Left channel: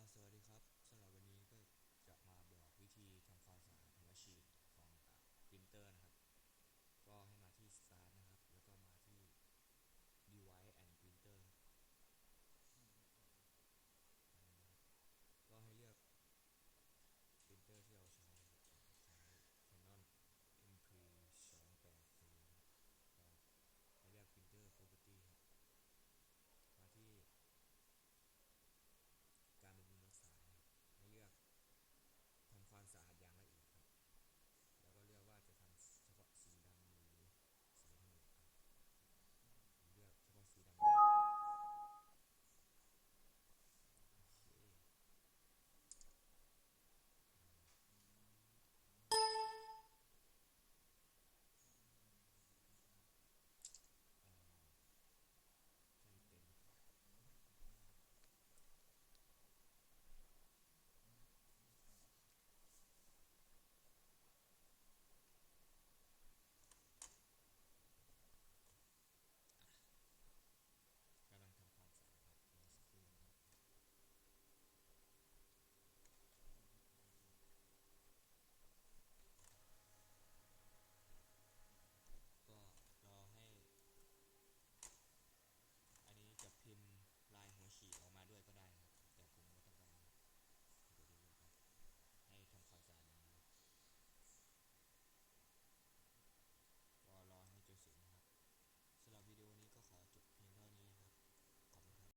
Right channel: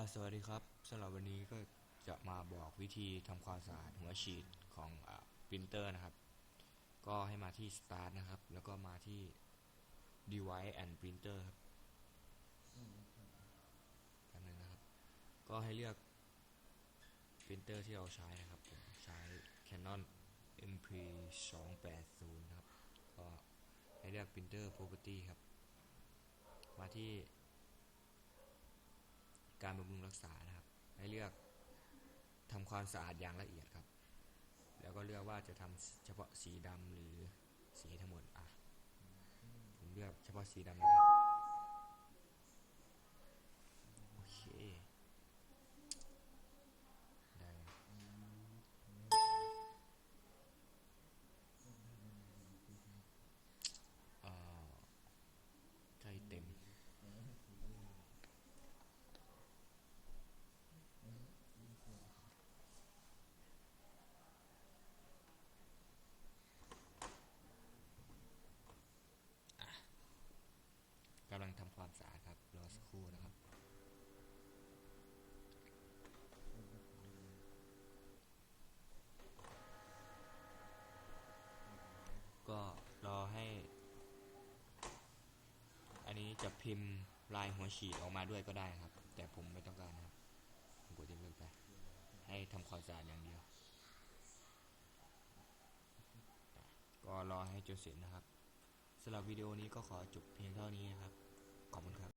สวัสดีครับสำหรับวันนี้ก็จะมาบอกวิธีทำความสะอาดหัวฉีดของปรินเตอร์นะครับ ก็ให้มาที่ Start นะครับ แล้วก็มาที่ Device and Printer ครับอันนึงนะครับ ก็ให้เลือกปรินเตอร์ที่เราใช้นะครับผมใช้ Canon MP 2 8 0นะครับ ก็ให้เลือก Printer Property ครับ มาที่ รักษานะครับ ให้เลือกทำความสะอาดอย่างละเอียดครับ แล้วก็เลือกว่าจะทำเฉพาะสีดำหรือสีทั้งหมดอะผมเลือกเฉพาะสีดำนะครับโอเคได้เอ่อใกล้เต็ม กำลังทำความสะอาดครับ รอสักครู่นะครับ ก็รอให้ อันนี้ จะพิมพ์ลายหัวฉีดออกมาด้วยก็ได้ครับ แต่ผมไม่ต้องการนะครับผมกดยกเลิกไป ให้ทำความสะอาดอย่างเดียว ก็รอให้จนเสร็จนะครับสำหรับวิดีโอนี้ก็ขอจบเพียงเท่านี้นะครับ ขอบคุณครับ